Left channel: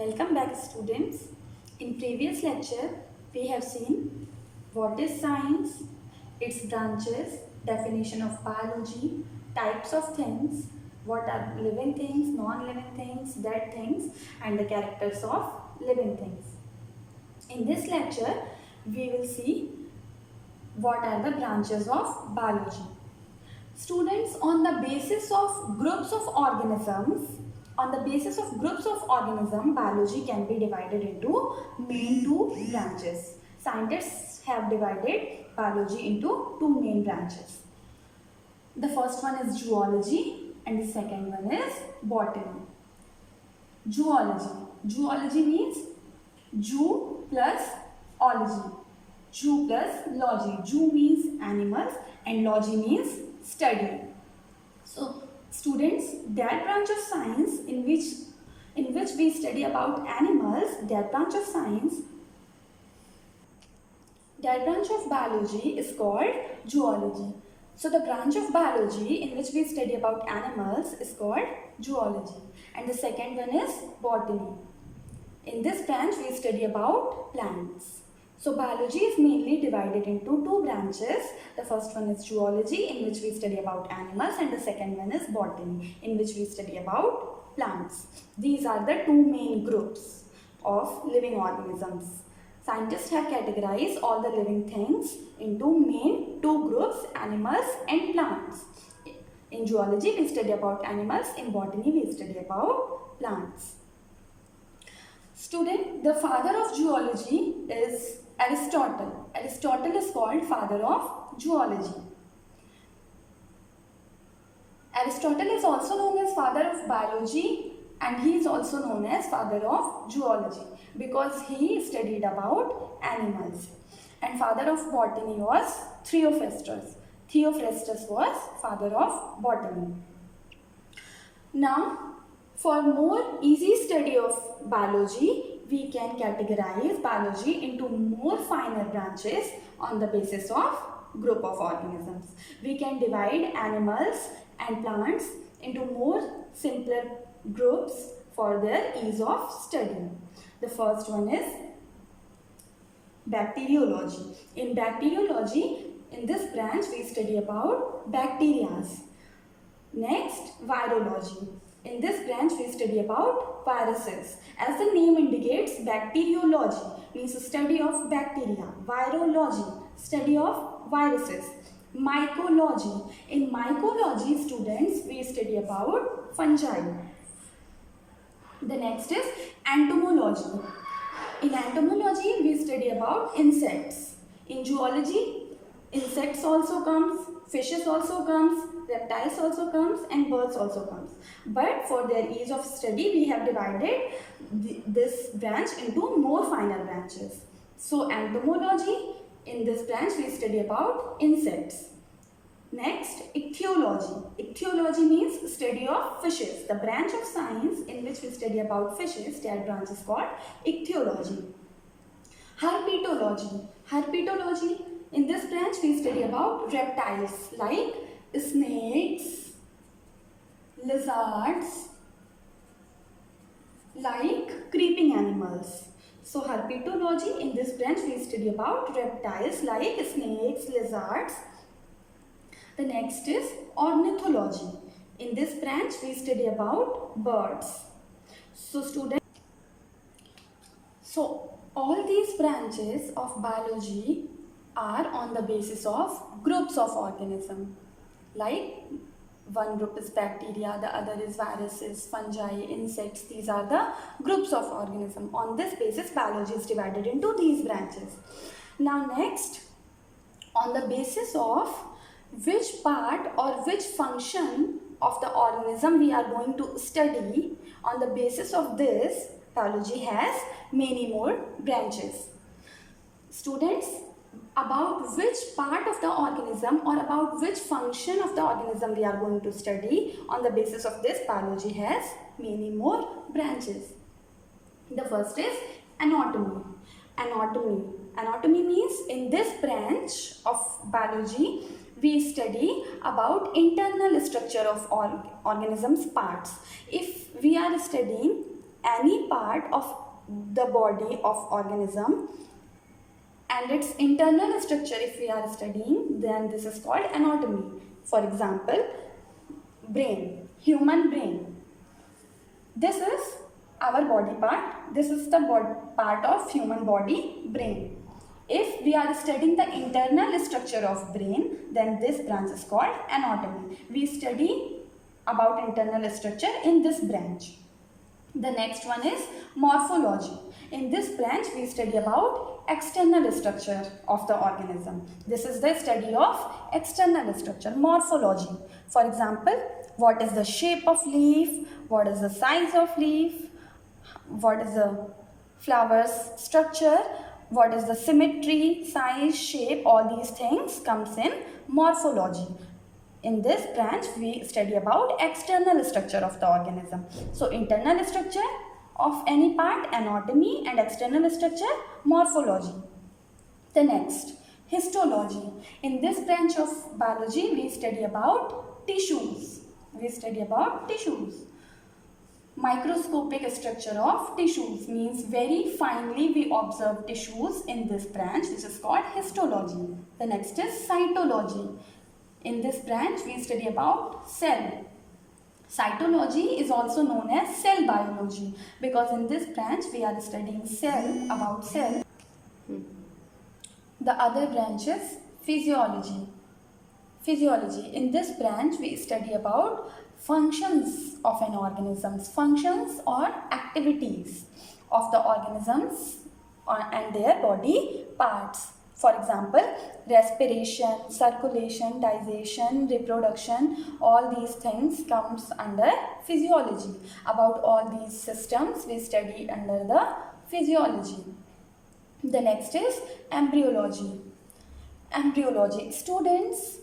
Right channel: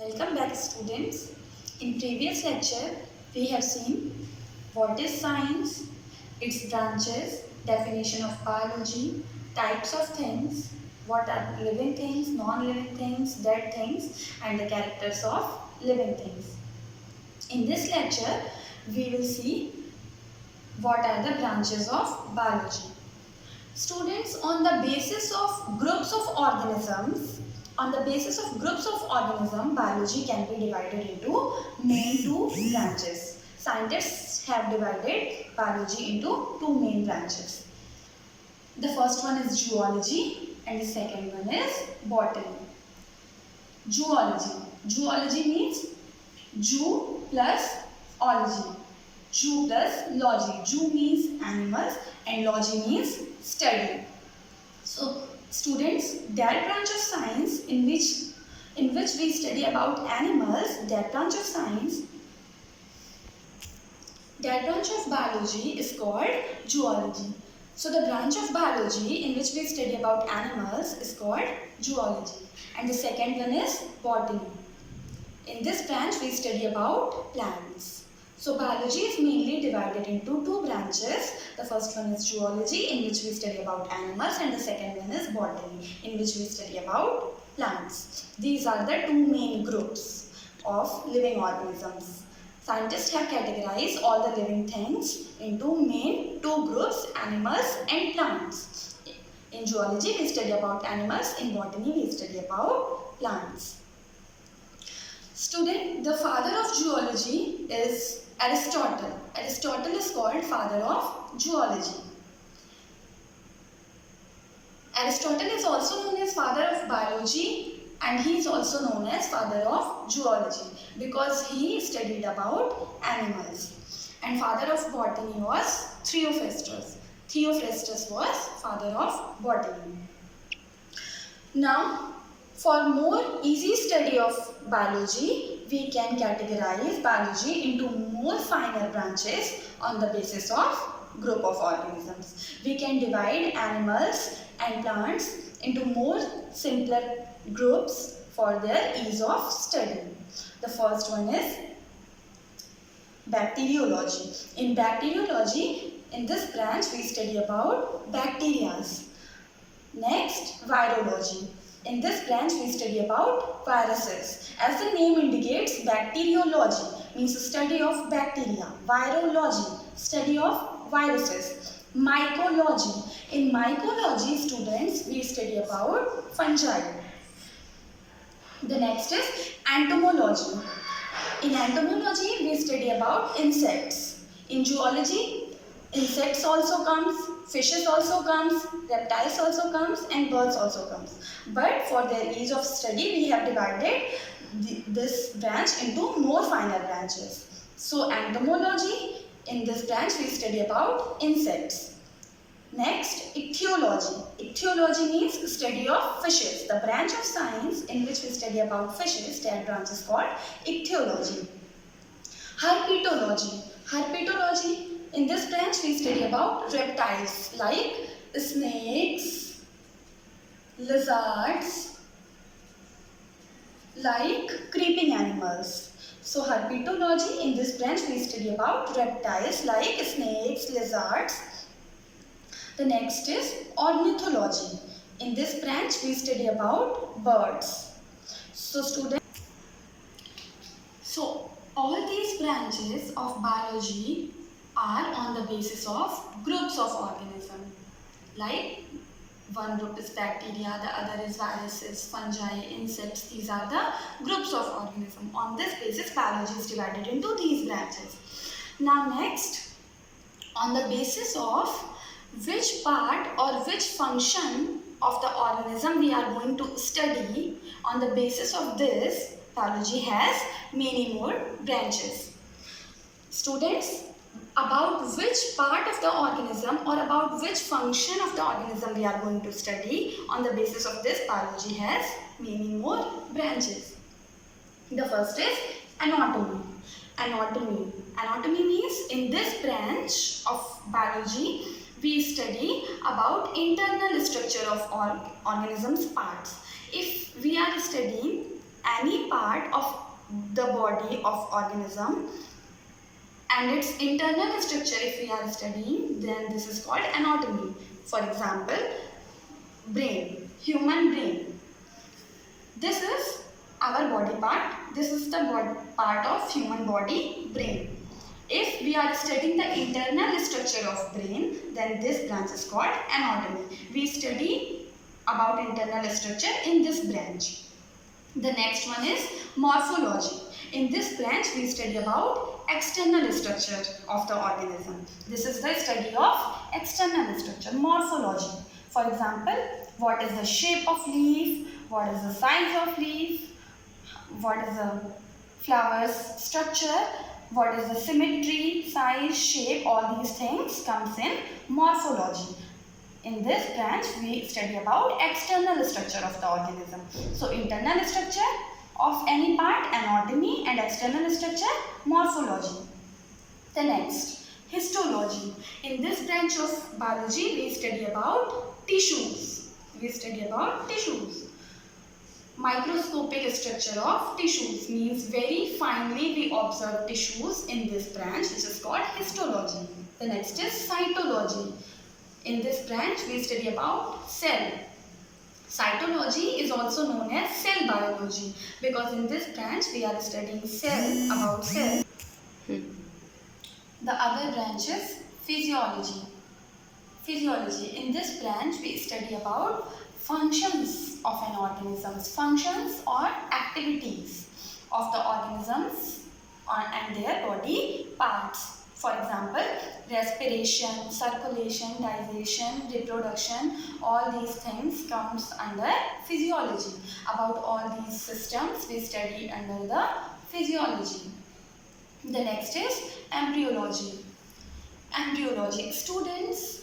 Welcome back, students. In previous lecture, we have seen what is science, its branches, definition of biology, types of things, what are living things, non-living things, dead things, and the characters of living things. In this lecture, we will see what are the branches of biology. Students, on the basis of groups of organisms, biology can be divided into main two branches. Scientists have divided biology into two main branches. The first one is zoology and the second one is botany. Zoology. Zoology means zoo plus ology. Zoo plus logy. Zoo means animals and logy means study. So students, that branch of science in which we study about animals, that branch of biology is called zoology. So the branch of biology in which we study about animals is called zoology. And the second one is botany. In this branch we study about plants. So biology is mainly divided into two branches. The first one is zoology, in which we study about animals, and the second one is botany, in which we study about plants. These are the two main groups of living organisms. Scientists have categorized all the living things into main two groups, animals and plants. In zoology we study about animals, in botany we study about plants. Student, the father of zoology is Aristotle. Aristotle is called father of zoology. Aristotle is also known as father of biology and he is also known as father of zoology because he studied about animals. And father of botany was Theophrastus. Theophrastus was father of botany. Now, for more easy study of biology, we can categorize biology into more finer branches on the basis of group of organisms. We can divide animals and plants into more simpler groups for their ease of study. The first one is bacteriology. In bacteriology, in this branch we study about bacteria. Next, virology. In this branch we study about viruses. As the name indicates, bacteriology means study of bacteria. Virology, study of viruses. Mycology. In mycology, students, we study about fungi. The next is entomology. In entomology, we study about insects. In zoology, insects also comes, fishes also comes, reptiles also comes and birds also comes. But for their ease of study, we have divided this branch into more finer branches. So entomology, in this branch we study about insects. Next, ichthyology. Ichthyology means study of fishes. The branch of science in which we study about fishes, that branch is called ichthyology. Herpetology. Herpetology, in this branch we study about reptiles like snakes, lizards, like creeping animals. So herpetology, in this branch we study about reptiles like snakes, lizards. The next is ornithology. In this branch we study about birds. So all these branches of biology are on the basis of groups of organisms. Like one group is bacteria, the other is viruses, fungi, insects. These are the groups of organisms. On this basis, biology is divided into these branches. Now next, on the basis of which part or which function of the organism we are going to study, on the basis of this, biology has many more branches. Students, about which part of the organism or about which function of the organism we are going to study, on the basis of this, biology has many more branches. The first is anatomy. Anatomy means in this branch of biology we study about internal structure of organisms parts. If we are studying any part of the body of organism and its internal structure if we are studying, then this is called anatomy. For example, brain, human brain. This is our body part. This is the part of human body, brain. If we are studying the internal structure of brain, then this branch is called anatomy. We study about internal structure in this branch. The next one is morphology. In this branch, we study about external structure of the organism. This is the study of external structure, morphology. For example, what is the shape of leaf, what is the size of leaf, what is the flower's structure, what is the symmetry, size, shape, all these things comes in morphology. In this branch, we study about external structure of the organism. So, internal structure of any part, anatomy, and external structure, morphology. The next, histology. In this branch of biology, we study about tissues. We study about tissues. Microscopic structure of tissues means very finely we observe tissues in this branch, which is called histology. The next is cytology. In this branch, we study about cell. Cytology is also known as cell biology because in this branch we are studying about cell. The other branch is physiology. Physiology. In this branch we study about functions of an organism, functions or activities of the organisms and their body parts. For example, respiration, circulation, digestion, reproduction, all these things comes under physiology. About all these systems we study under the physiology. The next is embryology. Embryology. Students,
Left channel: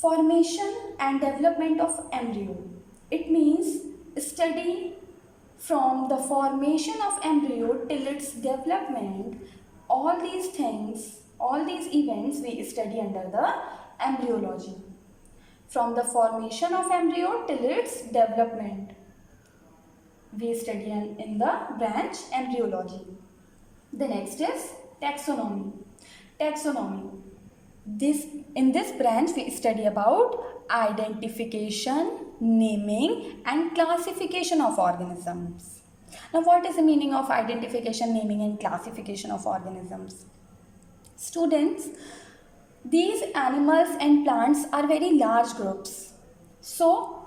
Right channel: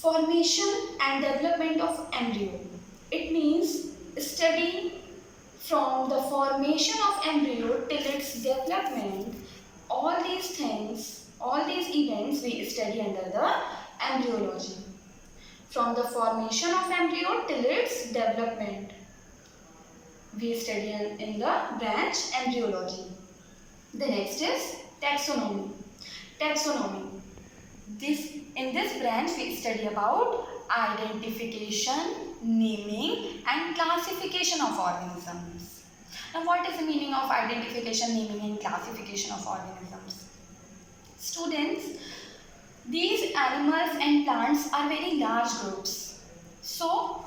formation and development of embryo. It means study from the formation of embryo till its development. All these things, all these events we study under the embryology. From the formation of embryo till its development, we study in the branch embryology. The next is taxonomy. Taxonomy. In this branch we study about identification, naming and classification of organisms. Now, what is the meaning of identification, naming and classification of organisms? Students, these animals and plants are very large groups. So,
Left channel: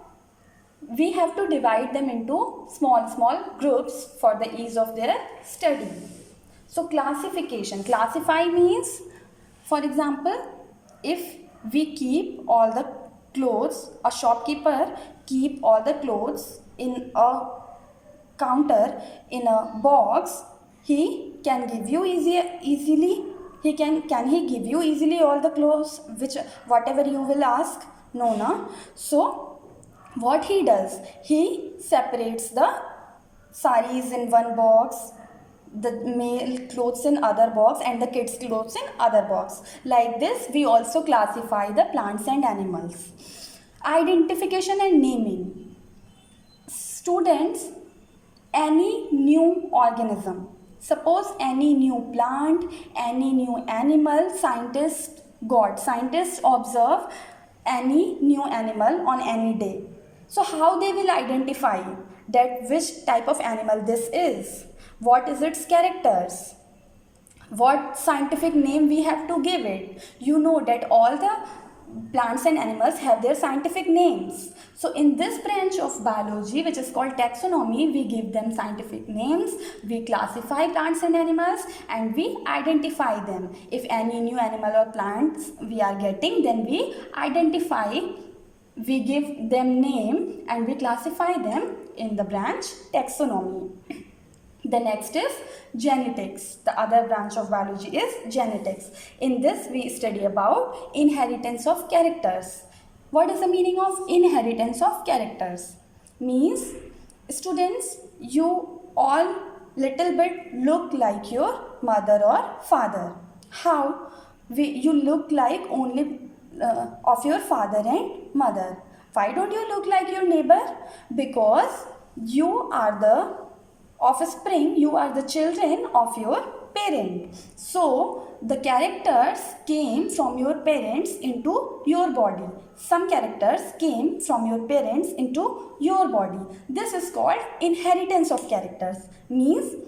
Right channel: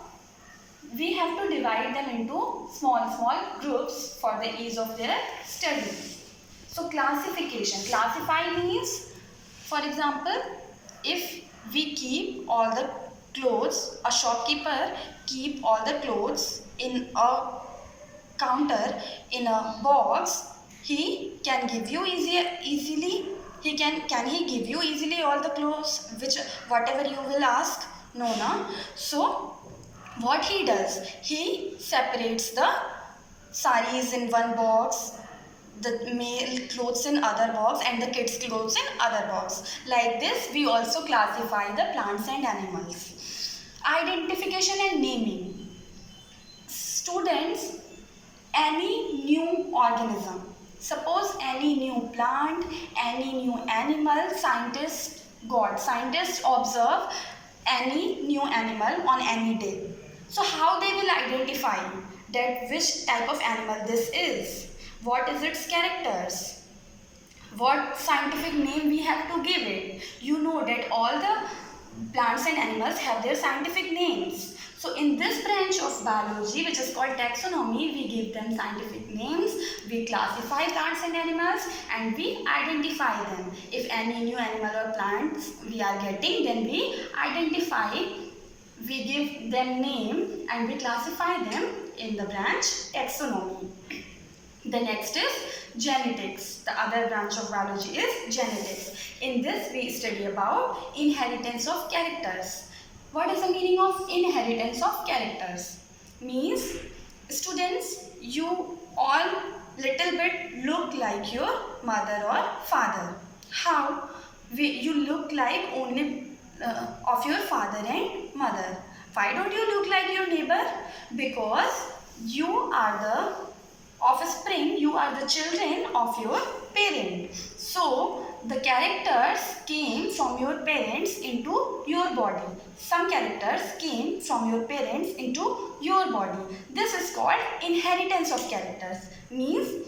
we have to divide them into small groups for the ease of their study. So, classification. Classify means, for example, if we keep all the clothes, a shopkeeper keep all the clothes in a counter in a box, he can give you easily. Can he give you easily all the clothes, whatever you will ask? No, na. So what he does, he separates the saris in one box, the male clothes in other box and the kids clothes in other box. Like this we also classify the plants and animals. Identification and naming. Students, any new organism, suppose any new plant, any new animal, scientists observe any new animal on any day. So how they will identify that which type of animal this is? What is its characters? What scientific name we have to give it? You know that all the plants and animals have their scientific names. So in this branch of biology, which is called taxonomy, we give them scientific names, we classify plants and animals and we identify them. If any new animal or plants we are getting, then we identify, we give them name and we classify them in the branch taxonomy. The next is genetics. The other branch of biology is genetics. In this we study about inheritance of characters. What is the meaning of inheritance of characters? Means, students, you all little bit look like your mother or father. How? You look like only of your father and mother. Why don't you look like your neighbor? Because You are the offspring, you are the children of your parent. So the characters came from your parents into your body. Some characters came from your parents into your body. This is called inheritance of characters. Means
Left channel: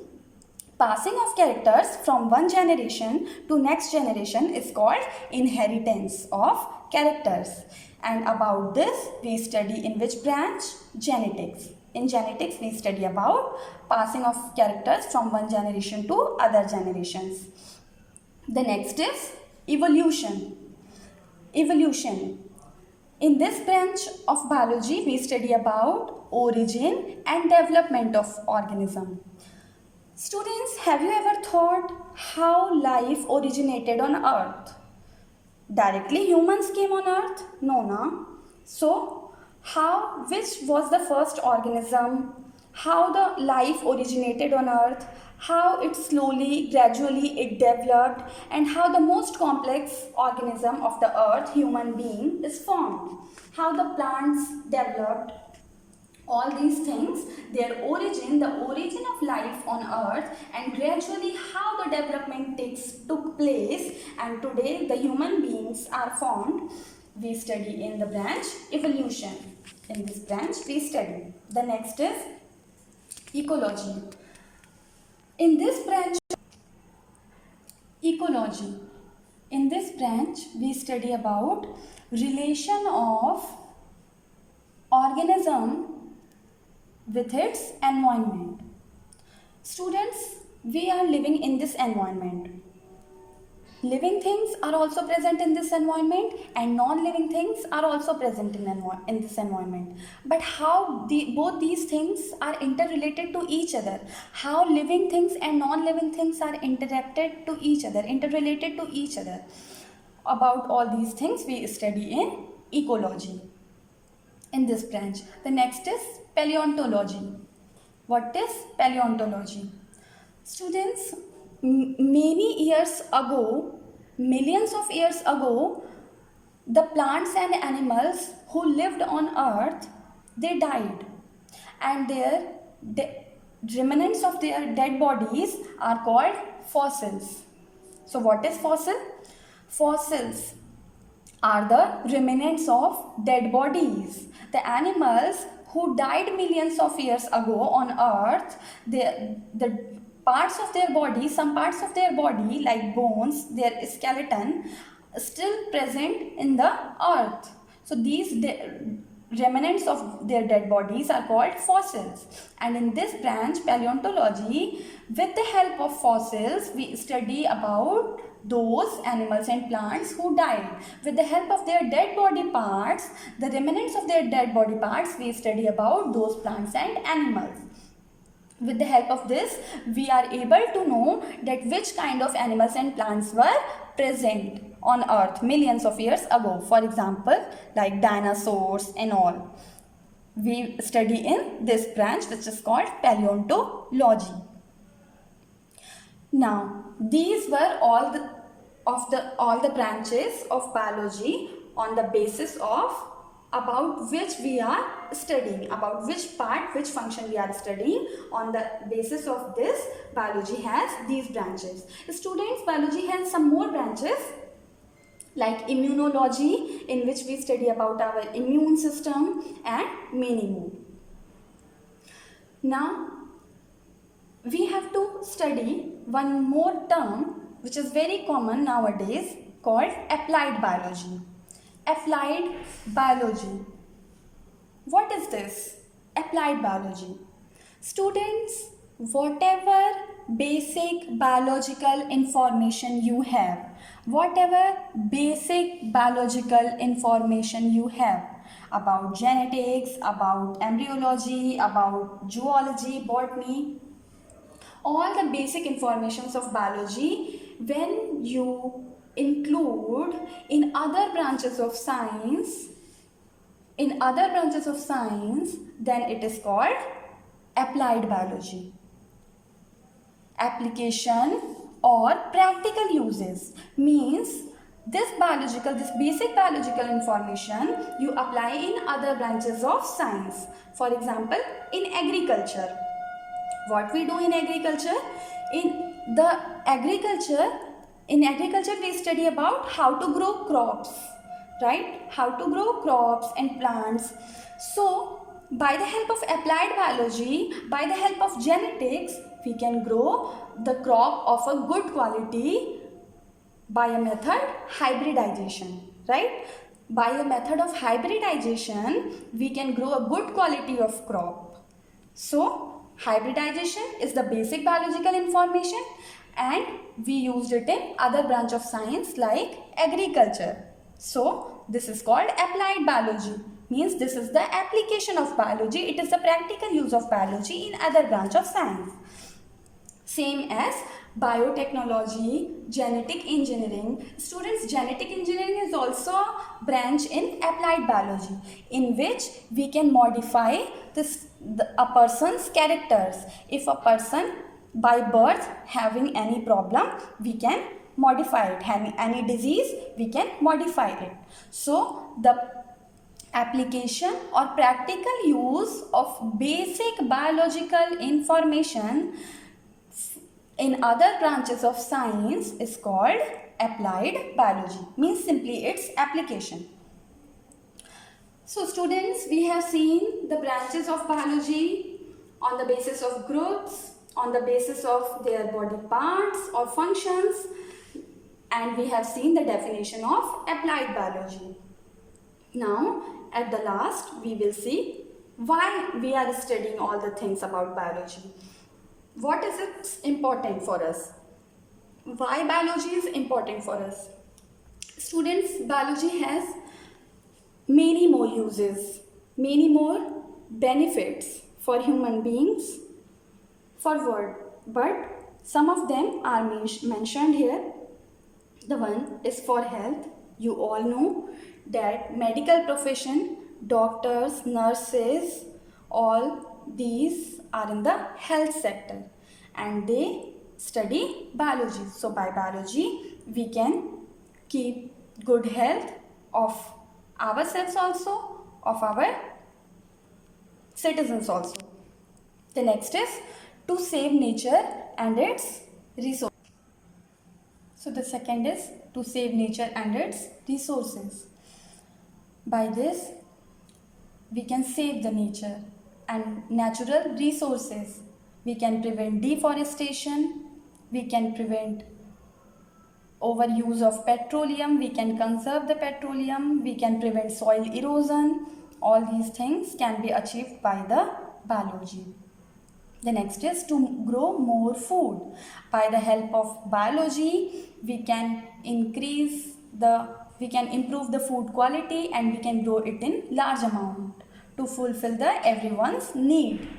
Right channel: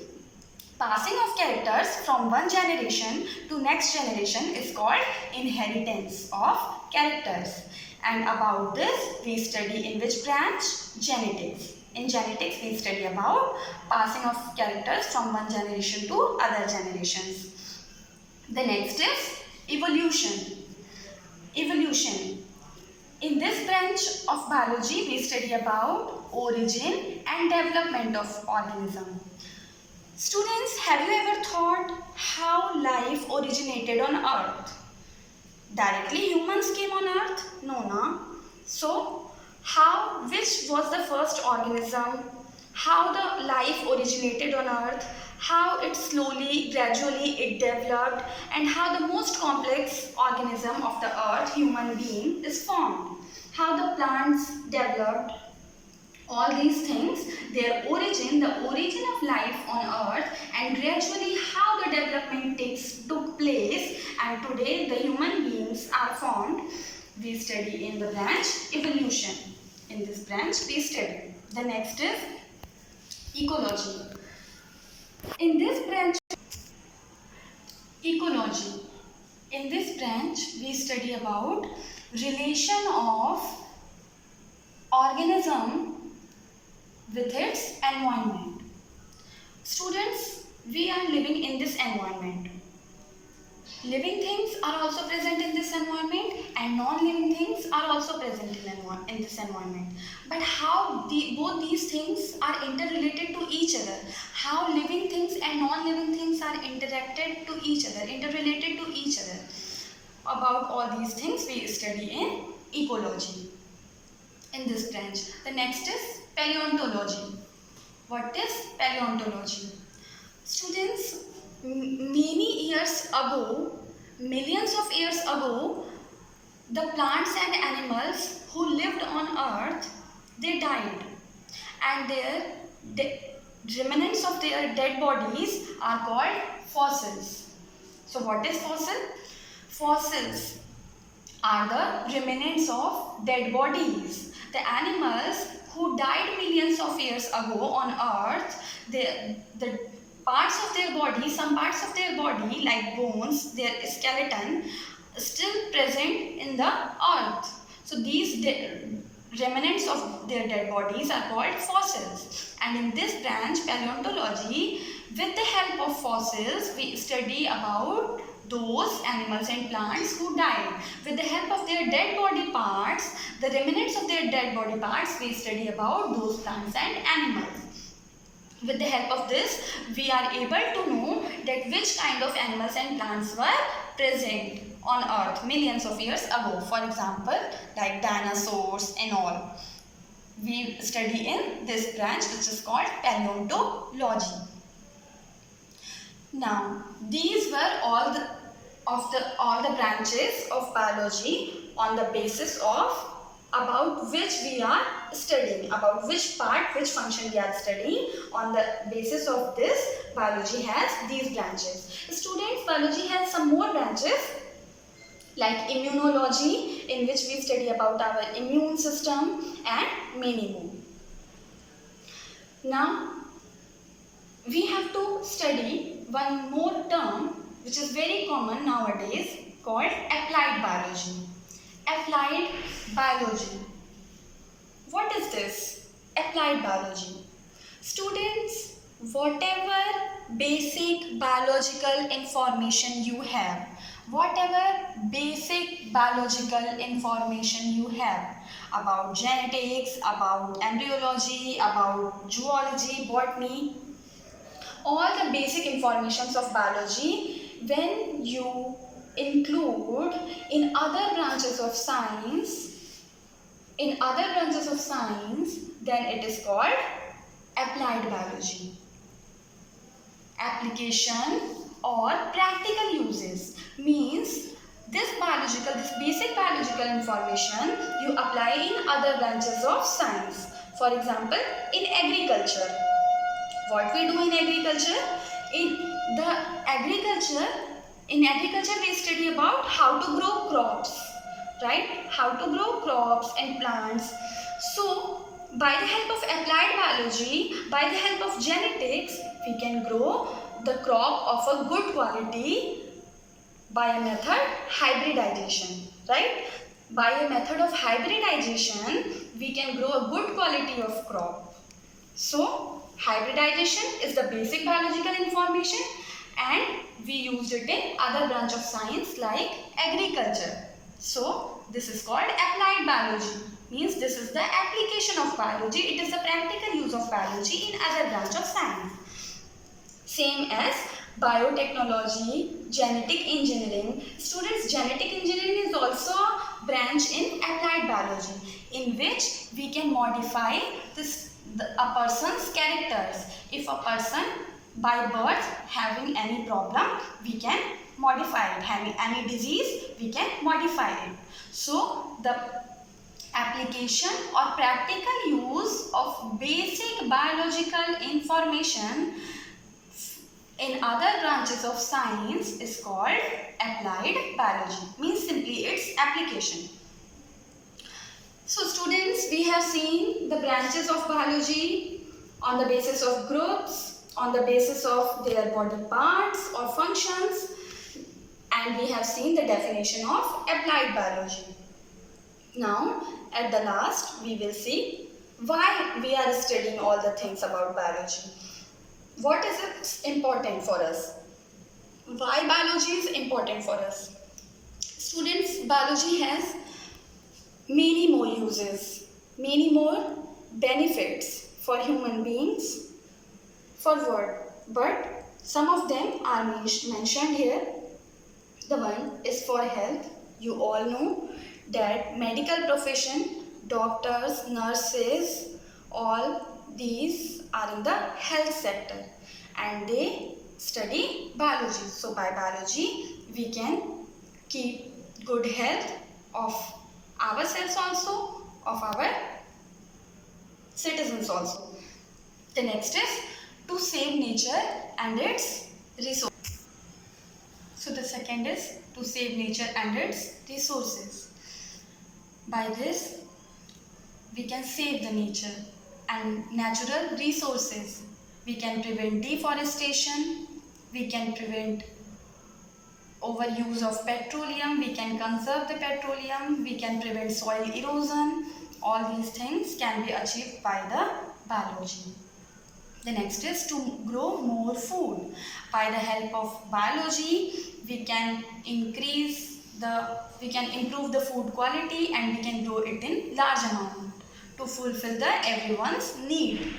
passing of characters from one generation to next generation is called inheritance of characters. And about this we study in which branch? Genetics. In genetics we study about passing of characters from one generation to other generations. The next is evolution. Evolution. In this branch of biology we study about origin and development of organism. Students, have you ever thought how life originated on earth? Directly humans came on earth? No, na. So, which was the first organism? How the life originated on earth? How it slowly, gradually it developed, and how the most complex organism of the earth, human being, is formed. How the plants developed. All these things, their origin, the origin of life on earth, and gradually how the development took place, and today the human beings are formed, we study in the branch evolution. In this branch we study. The next is ecology. In this branch, ecology. In this branch we study about relation of organism with its environment. Students, we are living in this environment. Living things are also present in this environment, and non-living things are also present in this environment. But how both these things are interrelated to each other, how living things and non-living things are interrelated to each other. About all these things we study in ecology. In this branch. The next is paleontology. What is paleontology? Students, many years ago, millions of years ago, the plants and animals who lived on earth, they died, and their remnants of their dead bodies are called fossils. So what is fossil? Fossils are the remnants of dead bodies. The animals who died millions of years ago on earth, the parts of their body, some parts of their body like bones, their skeleton, still present in the earth. So these remnants of their dead bodies are called fossils. And in this branch, paleontology, with the help of fossils, we study about those animals and plants who died. With the help of their dead body parts, the remnants of their dead body parts, we study about those plants and animals. With the help of this, we are able to know that which kind of animals and plants were present on earth millions of years ago. For example, like dinosaurs and all. We study in this branch which is called paleontology. Now, these were all the branches of biology on the basis of about which we are studying, about which part, which function we are studying. On the basis of this, biology has these branches. Students, biology has some more branches like immunology, in which we study about our immune system, and many more. Now, we have to study one more term which is very common nowadays called applied biology. Applied biology. What is this? Applied biology. Students, whatever basic biological information you have, about genetics, about embryology, about zoology, botany, all the basic informations of biology, when you include in other branches of science, then it is called applied biology. Application or practical uses means this basic biological information you apply in other branches of science. For example, in agriculture, what we do in agriculture? In agriculture we study about how to grow crops, right? How to grow crops and plants. So by the help of applied biology, by the help of genetics, we can grow the crop of a good quality by a method hybridization, right? By a method of hybridization, we can grow a good quality of crop. So hybridization is the basic biological information, and we used it in other branch of science like agriculture. So this is called applied biology. Means this is the application of biology. It is the practical use of biology in other branch of science. Same as biotechnology, genetic engineering. Students, genetic engineering is also a branch in applied biology, in which we can modify a person's characters. If a person by birth having any problem, we can modify it. Having any disease, we can modify it. So the application or practical use of basic biological information in other branches of science is called applied biology. Means simply its application. So students, we have seen the branches of biology on the basis of groups, on the basis of their body parts or functions, and we have seen the definition of applied biology. Now at the last we will see why we are studying all the things about biology. What is it important for us? Why biology is important for us? Students, biology has many more uses, many more benefits for human beings, for world, but some of them are mentioned here. The one is for health. You all know that medical profession, doctors, nurses, all these are in the health sector and they study biology. So by biology we can keep good health of ourselves also, of our citizens also. The next is to save nature and its resources. So the second is to save nature and its resources. By this we can save the nature and natural resources. We can prevent deforestation, we can prevent overuse of petroleum, we can conserve the petroleum, we can prevent soil erosion. All these things can be achieved by the biology. The next is to grow more food. By the help of biology, we can improve the food quality and we can grow it in large amount to fulfill everyone's need.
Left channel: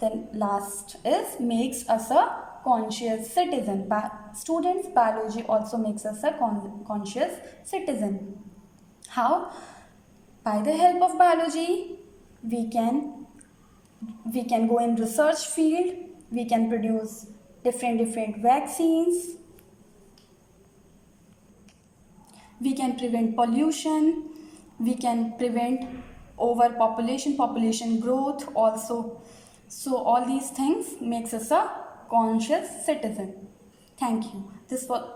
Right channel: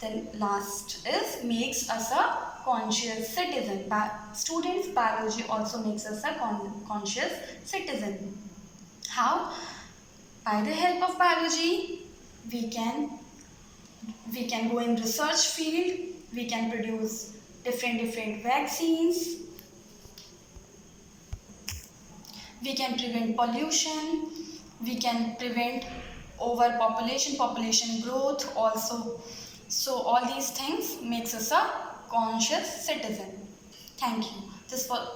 Then last is makes us a conscious citizen. Students, biology also makes us a conscious citizen. How? By the help of biology, we can go in research field, we can produce different vaccines, we can prevent pollution, we can prevent population growth also. So all these things makes us a conscious citizen. Thank you. This was